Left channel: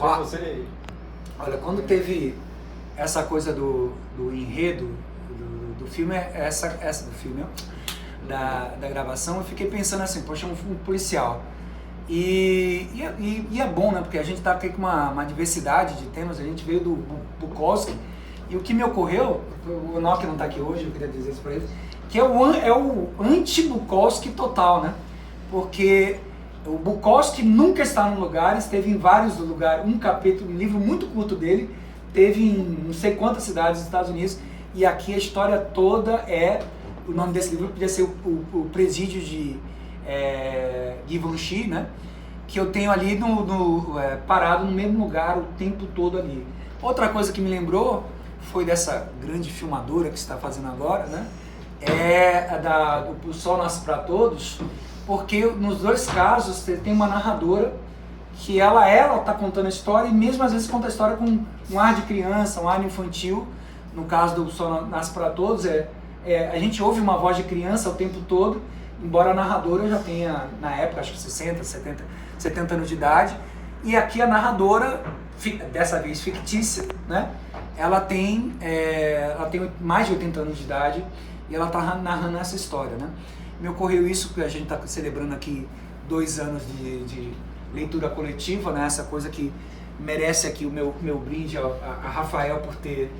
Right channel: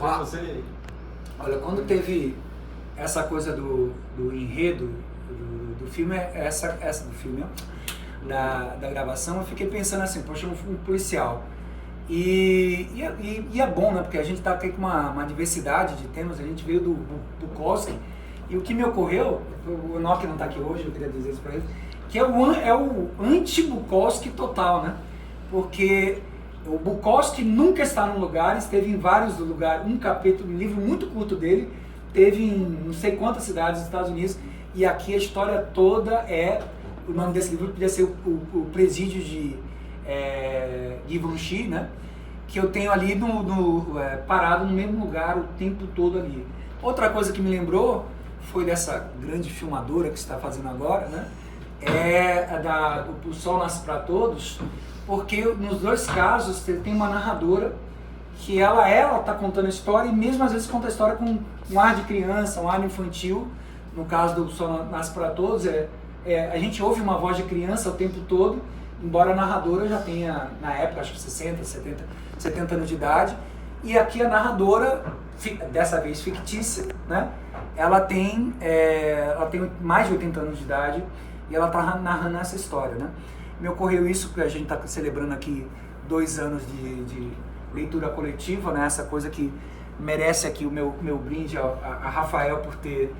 Olha, quando teve essa coisa do enredo do filme, do filme, da gravação, eu fiquei pensando assim, poxa, um policial. E é bom, né? Porque a gente tá aqui com uma diversidade de temas, a gente veio do Bukowski, e o que me ocorreu, o Enoch não tá aqui hoje, eu queria dizer isso pra ele, que é o anti-Bukowski total, né? Porque o Bukowski nunca está num lugar, esteve em vários lugares, um livro muito curto dele, teve em não sei quantas cidades dos Estados Unidos, e aqui a história toda o nome desse livro podia ser o Presídio de Givenchy, né? Que eu tenho ali parado no mesmo lugar o tempo todo ali. Outra coisa que me lembrou foi dessa grande filmadora que está fazendo agora, né? O Sol Nasce para Todos, porque nos dois casos tem uma narradora que ela tá contando a história, e mesmo às vezes conta a história com um ar de criança, um ar infantil. No caso do Sol Nasce para Todos, a gente ouve uma voz de criança o tempo todo, embora a narradora já tenha, na época, acho que 60, 70 anos de idade. E aqui a narradora, dessa vez fictícia, né? Ela tem mais de 80 anos de idade e ela está narrando essa história, né? Me ocorreu isso, que a gente está celebrando aqui 2 anos de leitura coletiva, né? Essa coisa que merece aqui o meu brinde a Rafael por ter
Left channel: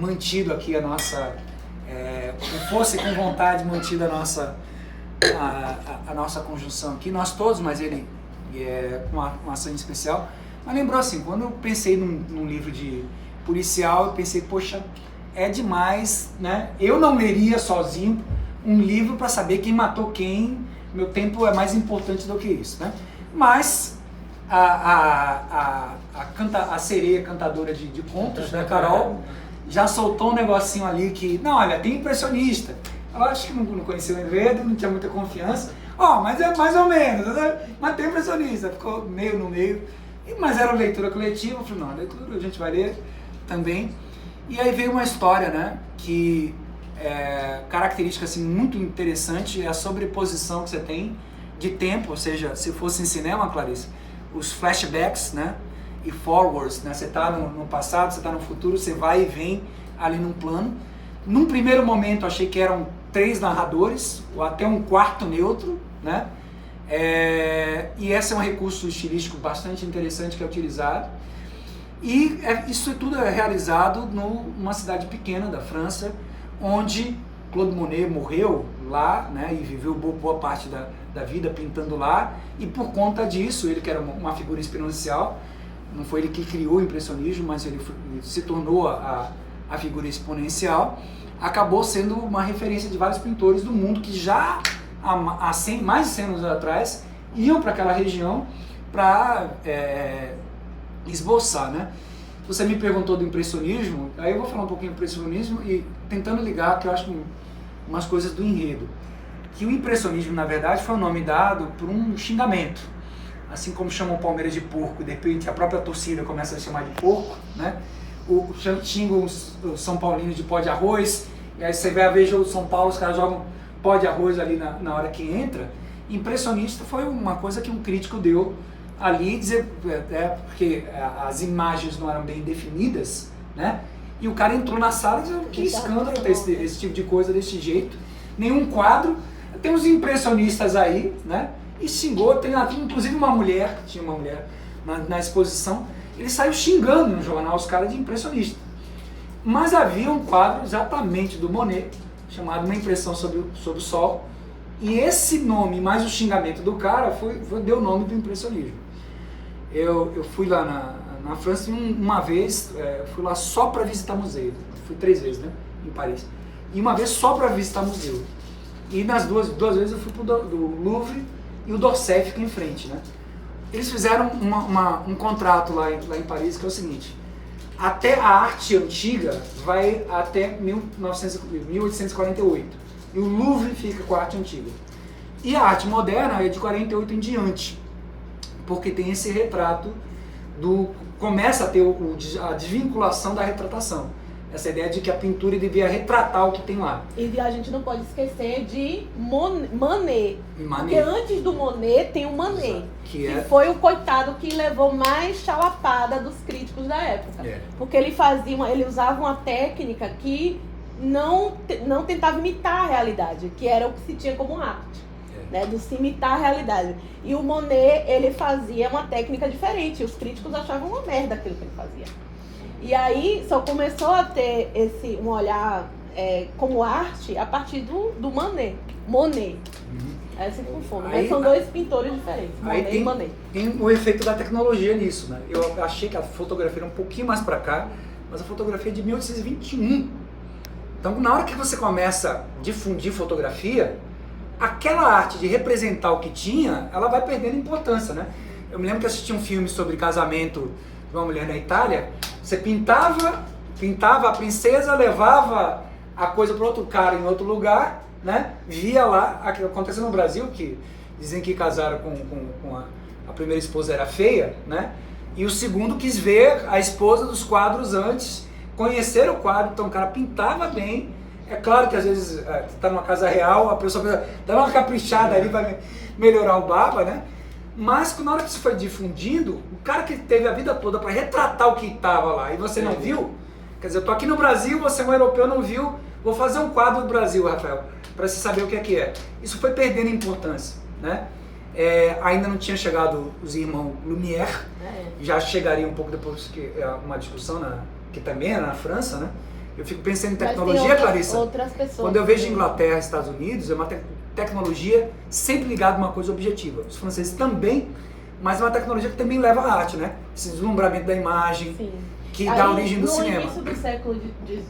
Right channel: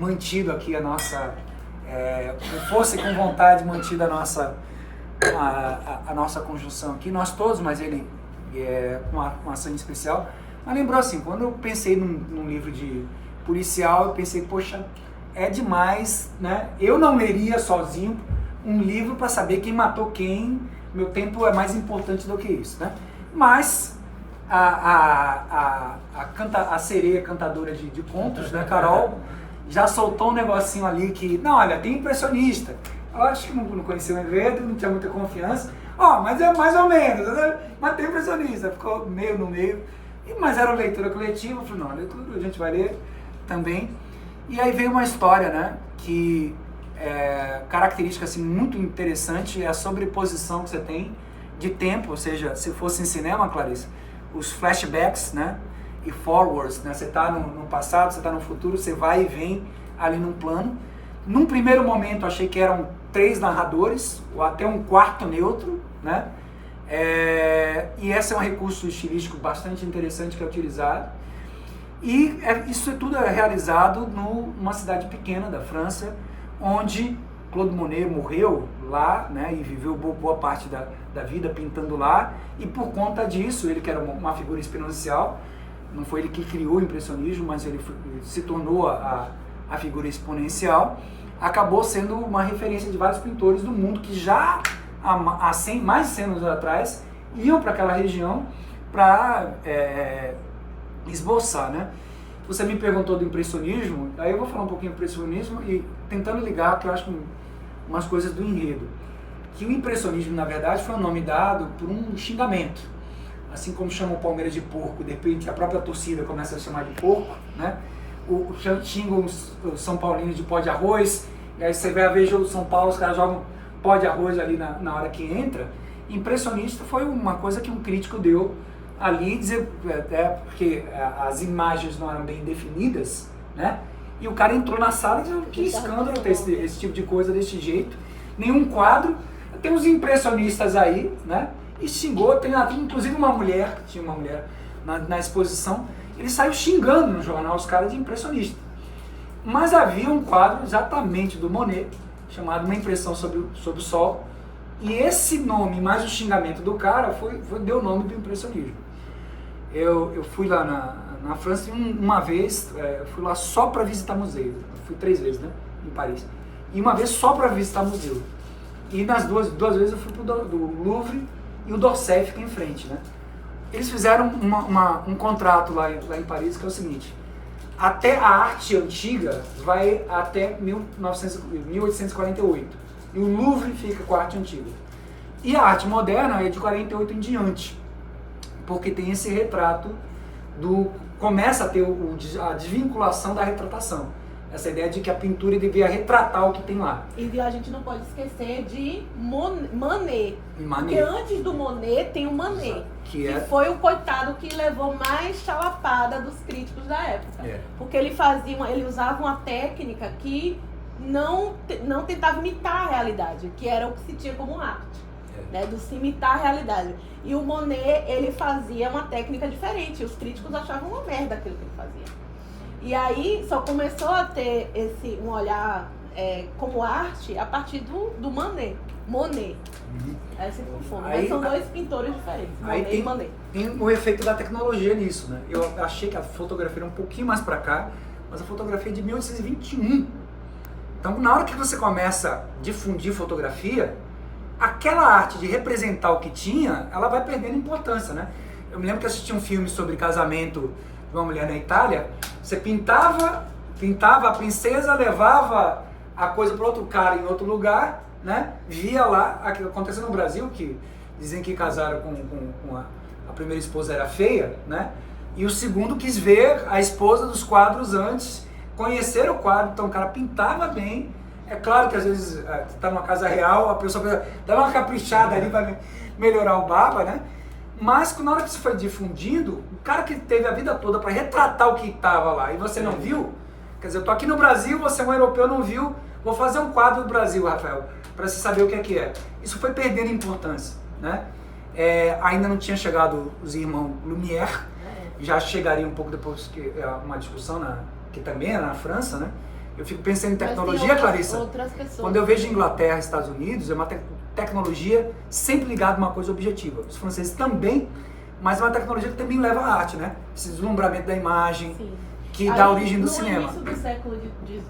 mantido aqui a nossa, com força e com vontade, mantido a nossa conjunção aqui, nós todos, mas ele com uma ação especial. Mas lembrou assim, quando eu pensei num livro de policial, eu pensei, poxa, é demais, né? Eu não leria sozinho um livro para saber quem matou quem, meu tempo é mais importante do que isso, né? Mas a sereia cantadora de contos, né, Carol, já soltou um negocinho ali que, não, olha, tem impressionista. Eu acho que não conhecia o enredo, não tinha muita confiança. Mas é mais ou menos, né? Mas tem impressionista, ficou meio no meio. Mas era leitura coletiva, eu falei, não, leitura a gente vai ler também. E aí veio uma história, né, que característica assim, muito interessante é a sobreposição que você tem de tempo, ou seja, se fosse em cinema, Clarice, os flashbacks, né, e forwards, né, você está no passado, você está no futuro, você vai e vem ali num plano. Num primeiro momento achei que eram 3 narradores, ou até um quarto neutro, né, e esse é um recurso estilístico bastante interessante que é utilizado. E isso tudo é realizado numa cidade pequena da França, onde Claude Monet morreu lá, né, e viveu boa parte da vida pintando lá, e por conta disso, ele que era uma figura exponencial, não foi ele que criou o impressionismo, mas ele se tornou a figura exponencial, acabou sendo uma referência de vários pintores do mundo que já há mais de 100 anos atrás iam para aquela região para esboçar, né? Você me perguntou do impressionismo, aí eu vou falar um pouquinho do impressionismo e tentando ligar, que eu acho umas coisas do enredo. Que o impressionismo, na verdade, foi um nome dado por um xingamento. Assim como chamam o Palmeiras de porco, de repente a própria torcida começa a chamar de porco, né? Xingam os São Paulinos de pó de arroz, e aí você vai ver o São Paulo, os caras jogam pó de arroz ali na hora que entra. Impressionista foi uma coisa que um crítico deu ali, dizer, porque as imagens não eram bem definidas, né? E o cara entrou na sala e disse, que escândalo ter esse tipo de coisa desse jeito, nenhum quadro. Tem uns impressionistas aí, né? E xingou, tem inclusive tinha uma mulher na exposição, ele saiu xingando no jornal os caras de impressionista. Mas havia um quadro exatamente do Monet, chamado Uma Impressão sobre o Sol, e esse nome, mais o xingamento do cara, deu o nome do impressionismo. Eu fui lá na França uma vez, fui lá só para visitar museu, fui 3 vezes, né, em Paris, e uma vez só para visitar museu. E nas duas vezes eu fui do Louvre e o d'Orsay fica em frente, né. Eles fizeram um contrato lá em Paris, que é o seguinte: até a arte antiga vai até 1848, e o Louvre fica com a arte antiga. E a arte moderna é de 48 em diante, porque tem esse retrato começa a ter a desvinculação da retratação. Essa ideia de que a pintura devia retratar o que tem lá. E a gente não pode esquecer de Manet. Porque antes do Monet tem o Manet. Que foi o coitado que levou mais chalapada dos críticos da época. Porque ele usava uma técnica que não tentava imitar a realidade, que era o que se tinha como arte. Né, de se imitar a realidade. E o Monet, ele fazia uma técnica diferente. Os críticos achavam uma merda aquilo que ele fazia. E aí só começou a ter um olhar como arte a partir do Monet. Aí se confunde. São dois pintores diferentes. Aí tem o efeito da tecnologia nisso, né? Eu achei que a fotografia era um pouquinho mais para cá, mas a fotografia é de 1821. Então, na hora que você começa a difundir fotografia, aquela arte de representar o que tinha, ela vai perdendo importância, né? Eu me lembro que assisti um filme sobre casamento de uma mulher na Itália. Você pintava a princesa, levava a coisa para outro cara em outro lugar, né? Via lá, aquilo aconteceu no Brasil, que dizem que casaram com a primeira esposa era feia, né? E o segundo quis ver a esposa dos quadros antes, conhecer o quadro, então o cara pintava bem. É claro que às vezes está numa casa real, a pessoa precisa dar uma caprichada ali para melhorar o baba, né? Mas na hora que isso foi difundido, o cara que teve a vida toda para retratar o que estava lá e você não viu, quer dizer, eu tô aqui no Brasil, você é um europeu, não viu, vou fazer um quadro do Brasil, Rafael, para você saber o que é. Isso foi perdendo importância, né? Ainda não tinha chegado os irmãos Lumière, já chegaria um pouco depois, que é uma discussão que também é na França, né? Eu fico pensando em tecnologia, Clarissa. Quando eu vejo Inglaterra e Estados Unidos, é uma tecnologia sempre ligada a uma coisa objetiva. Os franceses também, mas é uma tecnologia que também leva à arte, né? Esse deslumbramento da imagem, que dá origem do cinema. No início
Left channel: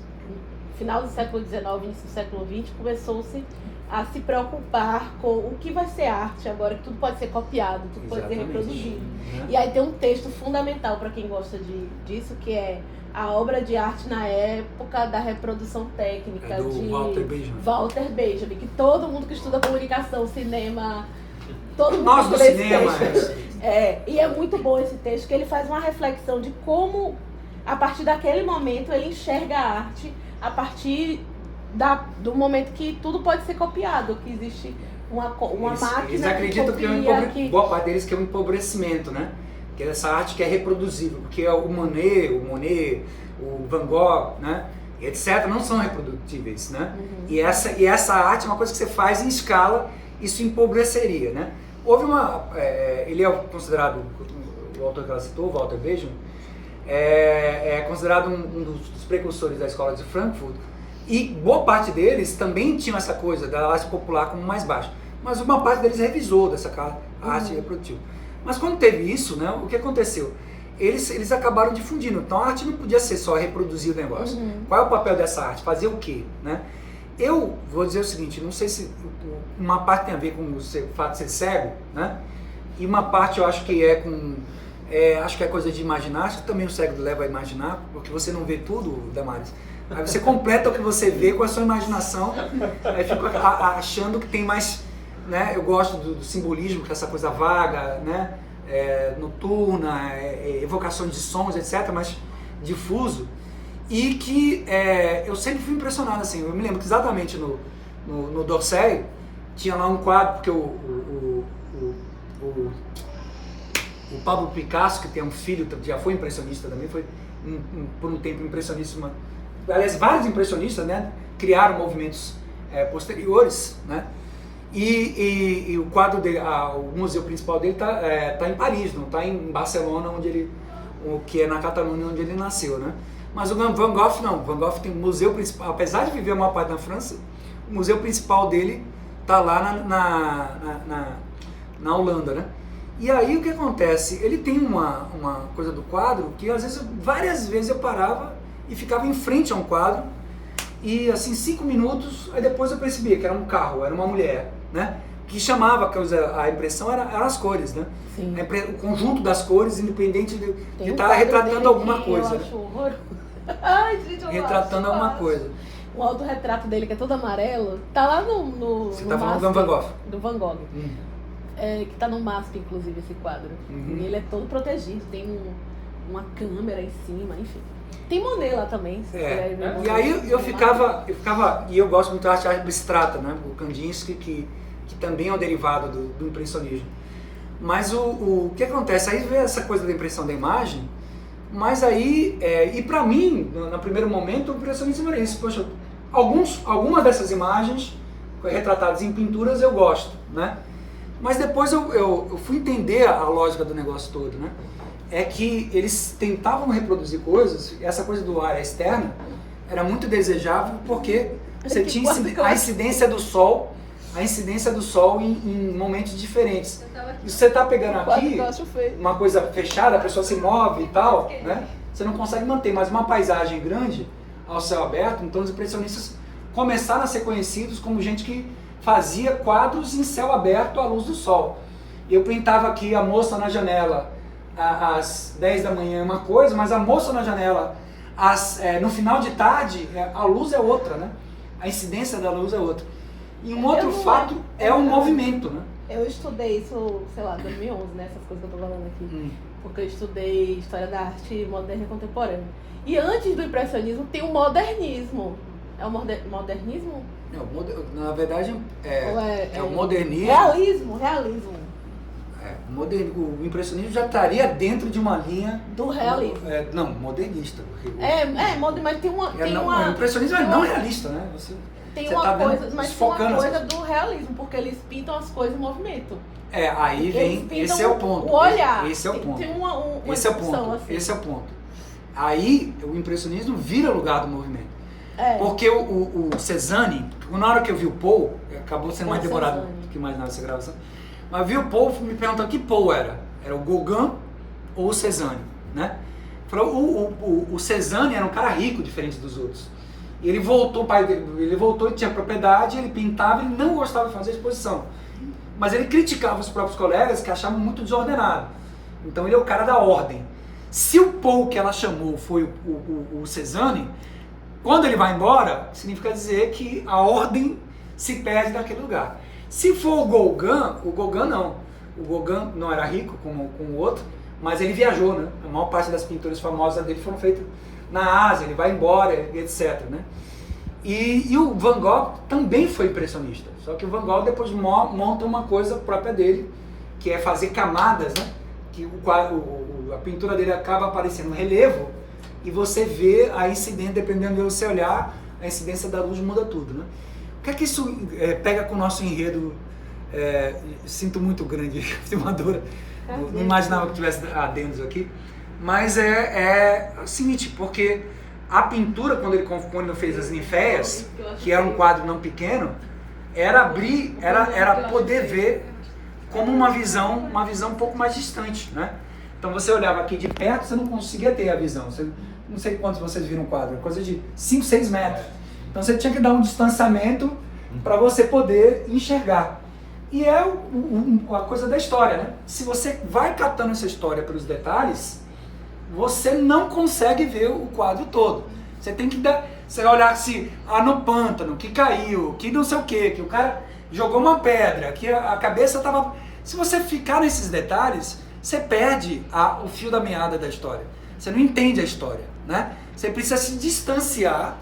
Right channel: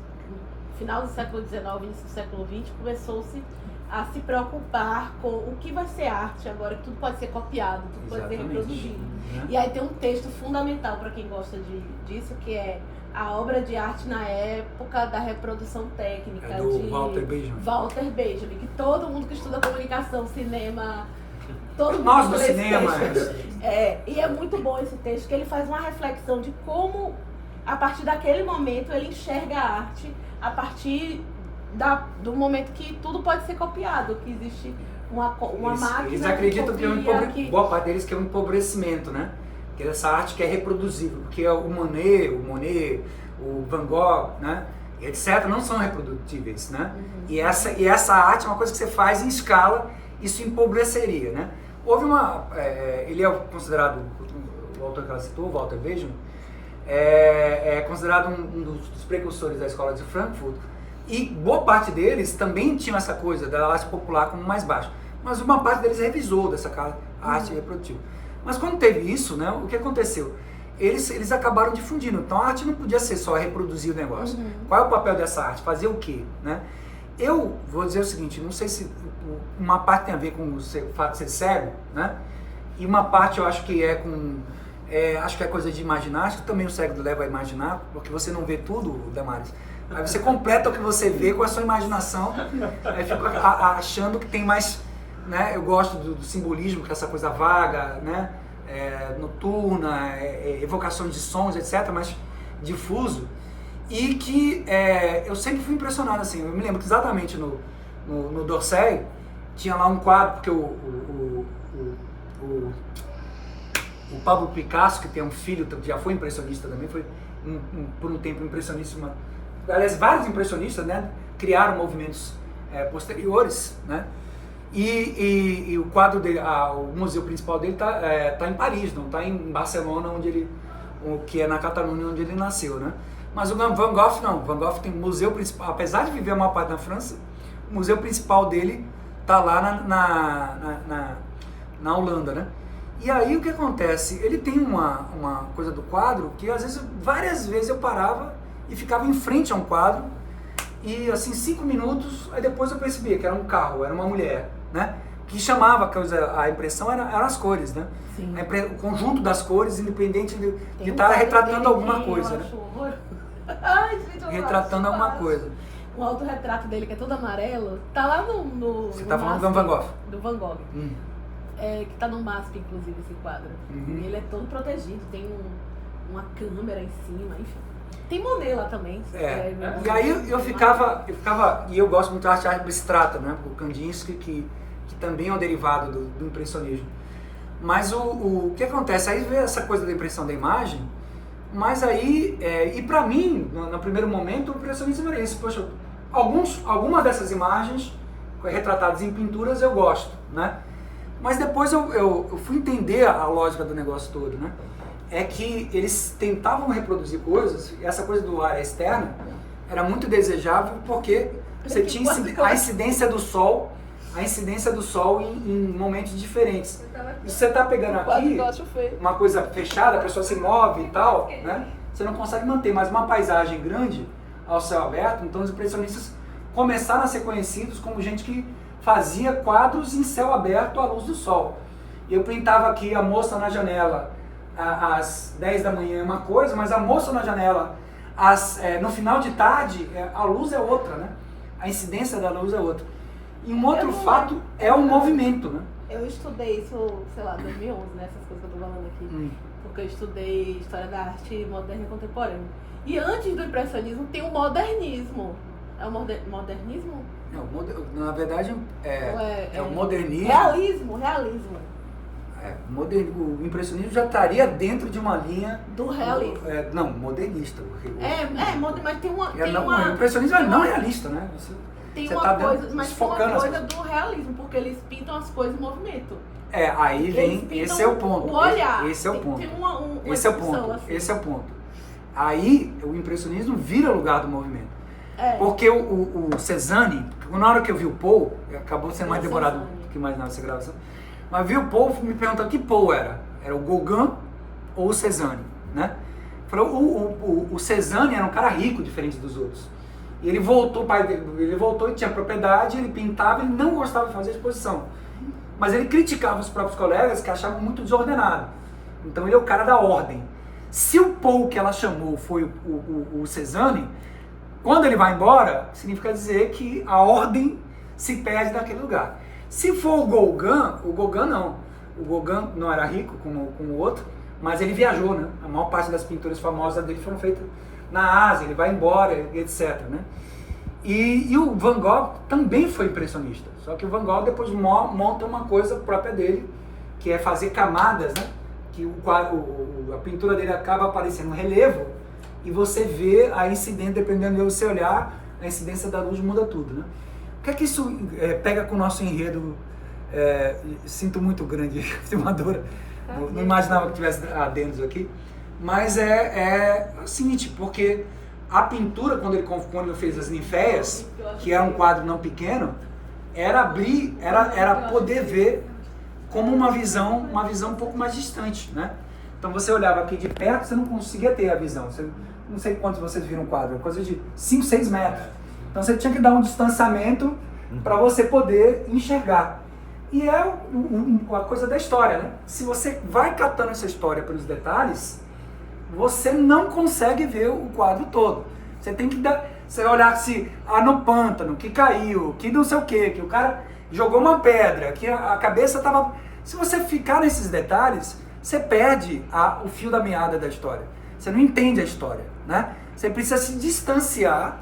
final do século XIX, início do século XX, começou-se a se preocupar com o que vai ser arte agora, que tudo pode ser copiado, tudo pode ser reproduzido. E aí tem um texto fundamental para quem gosta disso, que é a obra de arte na época da reprodução técnica do Walter Benjamin, que todo mundo que estuda comunicação, cinema, todo mundo nós do cinema. E é muito bom esse texto, que ele faz uma reflexão de como, a partir daquele momento, ele enxerga a arte a partir do momento que tudo pode ser copiado, que existe uma máquina. Eles acreditam que boa parte deles que é um empobrecimento, né? Que é essa arte que é reproduzível, porque o Monet, o Van Gogh, né, etc., não são reprodutíveis, né? E essa arte é uma coisa que você faz em escala, isso empobreceria, né? Houve ele é considerado, o autor que ela citou, o Walter Benjamin, é considerado um dos precursores da escola de Frankfurt, e boa parte deles também tinham essa coisa da arte popular como mais baixa, mas uma parte deles revisou dessa arte reprodutiva. Mas quando teve isso, né, o que aconteceu? Eles acabaram difundindo. Então a arte não podia ser só reproduzir o negócio. Qual é o papel dessa arte? Fazer o quê? Né? Eu vou dizer o seguinte, não sei se uma parte tem a ver com o fato de ser cego, né? E uma parte eu acho que acho que é coisa de imaginar, acho que também o cego leva a imaginar, porque você não vê tudo, Damares. Aí você completa o que você vê com a sua imaginação, aí fica achando que tem mais... Né? Eu gosto do simbolismo, que é essa coisa vaga, né? Noturna, evocações de sons, etc., mas difuso, e que eu sempre fui impressionado, assim. Eu me lembro que exatamente no d'Orsay tinha lá um quadro, porque o Pablo Picasso, que tem um filho, já foi impressionista também, foi por um tempo impressionista, aliás, vários impressionistas, né, criaram movimentos posteriores, né? E o quadro dele, o museu principal dele tá em Paris, não está em Barcelona, que é na Catalunha, onde ele nasceu, né? Mas o Van Gogh não, o Van Gogh tem museu principal, apesar de viver uma parte na França, o museu principal dele tá lá na Holanda, né? E aí o que acontece? Ele tem uma coisa do quadro que às vezes, várias vezes eu parava e ficava em frente a um quadro e assim 5 minutos, aí depois eu percebia que era um carro, era uma mulher, né? Que chamava a impressão eram as cores, né? O conjunto das cores, independente de estar retratando alguma coisa. Né? Ai, gente, retratando alguma coisa. O autorretrato dele, que é todo amarelo, tá lá no Você tá falando do Van Gogh? Do Van Gogh. Que tá no MASP, inclusive, esse quadro. E ele é todo protegido, tem uma câmera em cima, enfim. Tem Monet lá também. E aí eu ficava, e eu gosto muito da arte abstrata, né? O Kandinsky, que também é um derivado do impressionismo. Mas o que acontece? Aí vê essa coisa da impressão da imagem, mas aí, e pra mim, no primeiro momento, o impressionismo era isso. Poxa, algumas dessas imagens retratadas em pinturas eu gosto, né? Mas depois eu fui entender a lógica do negócio todo, né? É que eles tentavam reproduzir coisas, e essa coisa do área externa era muito desejável porque você tinha a incidência do sol em momentos diferentes. E você está pegando aqui uma coisa fechada, a pessoa se move e tal, né? Você não consegue manter, mas uma paisagem grande ao céu aberto, então os impressionistas começaram a ser conhecidos como gente que fazia quadros em céu aberto à luz do sol. Eu pintava aqui a moça na janela às 10 da manhã é uma coisa, mas a moça na janela no final de tarde, a luz é outra, né? A incidência da luz é outra. E um outro fato é o movimento, né? Eu estudei isso, sei lá, em 2011, né? Essas coisas que eu tô falando aqui. Porque eu estudei História da Arte Moderna e Contemporânea. E antes do impressionismo tem o modernismo. É o modernismo? Não, na verdade é o modernismo. Realismo. O impressionismo já estaria dentro de uma linha do realismo. Não, modernista. Mas tem uma. O impressionismo é não realista, né? Você tá uma coisa do realismo, porque eles pintam as coisas em movimento. Aí vem, esse é o ponto. O olhar. Esse é o ponto. Esse é o ponto. Assim. Esse é o ponto. Aí o impressionismo vira lugar do movimento. Porque o Cézanne, na hora que eu vi o Paul, acabou sendo mais demorado do que imaginava essa gravação, mas vi o Paul me perguntando que Paul era. Era o Gauguin ou o Cézanne, né? O Cézanne era um cara rico, diferente dos outros. E ele voltou e tinha propriedade, ele pintava, ele não gostava de fazer exposição. Mas ele criticava os próprios colegas que achavam muito desordenado. Então ele é o cara da ordem. Se o Paul que ela chamou foi o Cézanne, quando ele vai embora, significa dizer que a ordem se perde naquele lugar. Se for o Gauguin não. O Gauguin não era rico como o outro, mas ele viajou, né? A maior parte das pinturas famosas dele foram feitas na Ásia, ele vai embora, etc, né? E o Van Gogh também foi impressionista, só que o Van Gogh depois monta uma coisa própria dele, que é fazer camadas, né? Que a pintura dele acaba aparecendo um relevo e você vê a incidência, dependendo de você olhar, a incidência da luz muda tudo, né? O que é que isso pega com o nosso enredo? Sinto muito grande, filmadora, não imaginava que tivesse adendos aqui, mas é o seguinte, porque a pintura, quando ele fez as Ninféias, que era um quadro não pequeno, era poder ver como uma visão um pouco mais distante, né? Então você olhava aqui de perto, você não conseguia ter a visão. Não sei quantos vocês viram o quadro, coisa de 5, 6 metros. Então você tinha que dar um distanciamento para você poder enxergar. E é a coisa da história, né? Se você vai catando essa história pelos detalhes, você não consegue ver o quadro todo. Você tem que você olhar se no pântano, que caiu, que não sei o quê, que o cara jogou uma pedra, que a cabeça estava... Se você ficar nesses detalhes, você perde o fio da meada da história. Você não entende a história, né? Você precisa se distanciar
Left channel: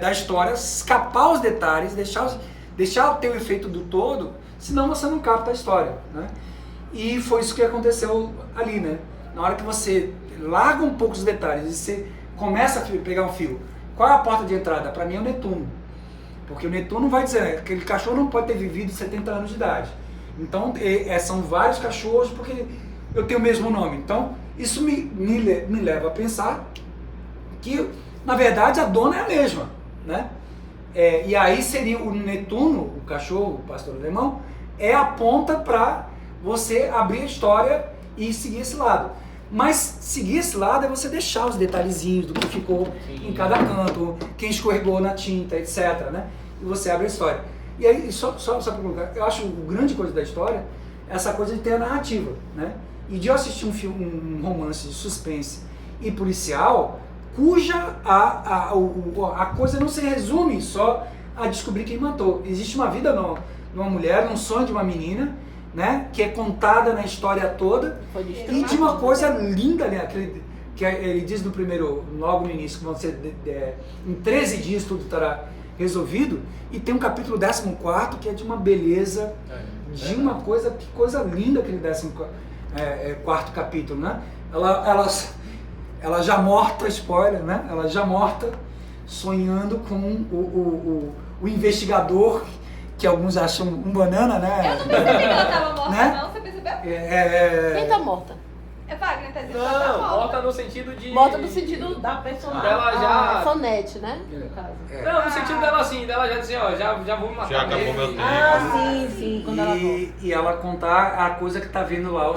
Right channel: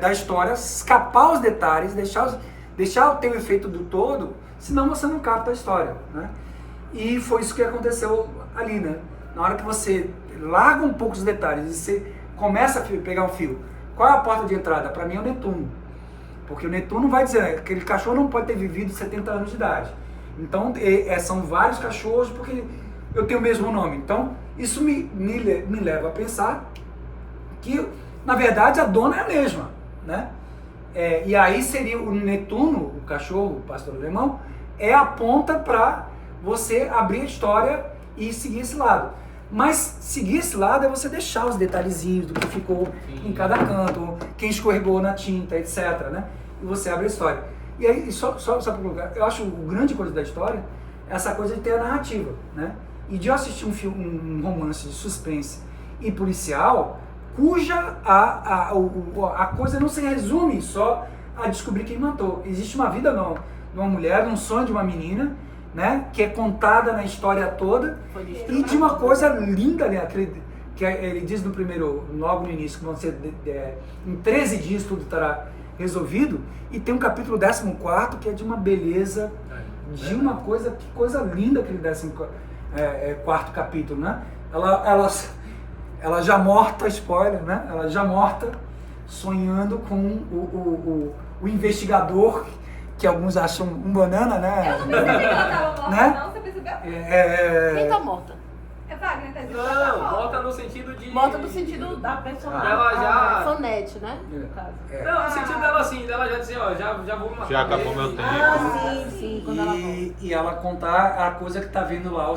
da história, escapar os detalhes, deixar ter o efeito do todo, senão você não capta a história, né? E foi isso que aconteceu ali, né? Na hora que você larga um pouco os detalhes e você começa a pegar um fio, qual é a porta de entrada? Para mim é o Netuno. Porque o Netuno vai dizer, aquele cachorro não pode ter vivido 70 anos de idade. Então, são vários cachorros porque eu tenho o mesmo nome. Então, isso me leva a pensar que, na verdade, a dona é a mesma, né? E aí seria o Netuno, o cachorro, o pastor alemão, é a ponta para você abrir a história e seguir esse lado. Mas seguir esse lado é você deixar os detalhezinhos do que ficou em cada canto, quem escorregou na tinta, etc, né? E você abre a história. E aí, só para colocar, eu acho o grande coisa da história é essa coisa de ter a narrativa, né? E de eu assistir um romance de suspense e policial, cuja a coisa não se resume só a descobrir quem matou. Existe uma vida numa mulher, um sonho de uma menina, né? Que é contada na história toda, e de uma coisa linda, né? Que ele diz no primeiro, logo no início, que vão ser em 13 dias tudo estará resolvido, e tem um capítulo 14 que é de uma beleza, de uma coisa, que coisa linda aquele 14º capítulo, né? Ela já morta, spoiler, né? Ela já morta, sonhando com o investigador, que alguns acham um banana, né? Eu não percebi que ela estava morta, né? Não, você percebeu? Quem tá morta? É Wagner, tá dizendo que não, ela tá morta no sentido de... Morta no sentido da personagem. Ela já... Sonete, né? No caso. Não, no sentido dela assim, dela já dizer, ó, já vou matar. Já acabou meu tempo. Sim. E ela contar a coisa que tá vendo lá, o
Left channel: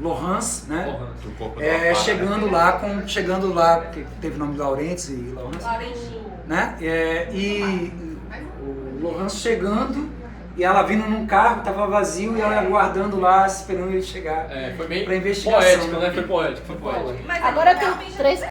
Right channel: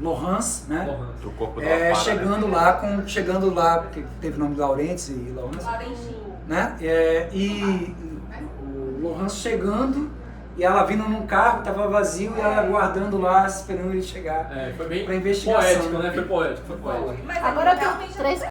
Laurence, né? O corpo Chegando lá, que teve o nome de Laurence e Laurence, né? E o Laurence chegando, e ela vindo num carro, tava vazio, e ela aguardando lá, esperando ele chegar Foi bem pra investigação. poético, né? Foi poético. Mas agora tem 3